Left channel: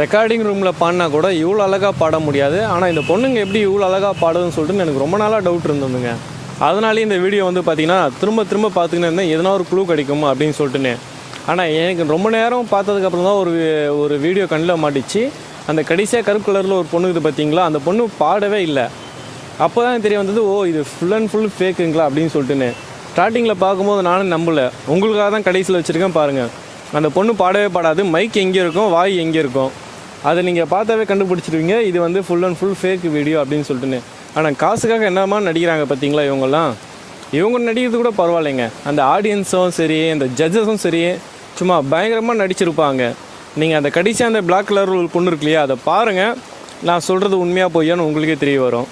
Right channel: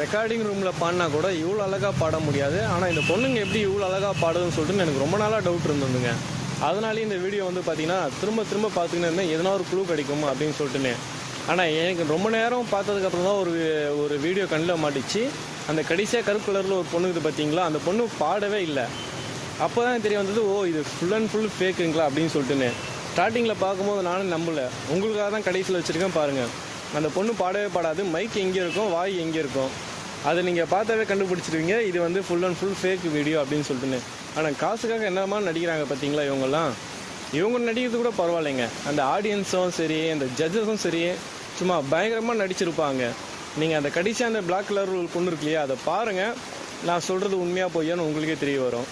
Recording ரூமில் பாடினா கூட இவ்வளோ அழகாக பாட முடியாது. ஆனால் இந்த பொண்ணுங்க எப்படி இவ்வளோ அழகாக பாடுதுன்னு சொல்லிட்டு எனக்கு ரொம்ப நாளாக டவுட் இருந்ததுங்க. அதனாலே இந்த வீடியோ வந்து பார்த்திங்கன்னா திரும்ப திரும்ப பார்த்துக்கின்னு இருந்தேன், எதனா ஒரு க்ளூ கிடைக்கும் அப்படின்னு சொல்லிட்டுன்னு. ஆனால் எனக்கு ரொம்ப நேரம் பார்த்ததுக்கப்புறம் தான் ஒரு வீடியோ கண்ணில் மாட்டிச்சு. அந்த கடைசியாக கருப்பு கலரில் ஒரு பொண்ணு இது பார்த்தீங்களா, அந்த பொண்ணு பாடவே இல்லை. அப்போ தான் தெரிய வந்தது, ஓ இது ஃபுல் அண்ட் ஃபுல் ஃபேக்குங்களா அப்படின்னு சொல்லிட்டுன்னு. ஸ்டார்டிங்கில் பார்க்கும்போது நானும் நம்பலை. உங்களுக்காக தான் கடைசியில் வச்சுருக்கேன் பாருங்கள். அந்த பொண்ணு பாடவே பாடாது. மைக் எங்கே இருக்கும், வாய் எங்கே இருக்கும், அதை நீங்கள் பார்த்தாவே கண்டுபிடிச்சிருவீங்க இது வந்து full and full fake video அப்படின்னு சொல்லிட்டுன்னு. ஆனால் காசுக்காக என்னமா நடிக்கிறாங்க பார்த்தீங்களா இவங்கெல்லாம். இவங்க நடிக்கிறது கூட பரவாயில்லைங்க, அந்த ஆடியன்ஸும் சரி அந்த ஜட்ஜஸும் சரி சும்மா பயங்கரமாக நடிச்சிருப்பாங்க. நீங்கள் அந்த கடைசியாக அந்த பிளாக் கலர் ஒரு பொண்ணு இருக்கு இல்லையா, அதை பாருங்கள். நான் சொல்கிறது உண்மையாக பொய்யான்னு உங்களுக்கே தெரிய வரும்.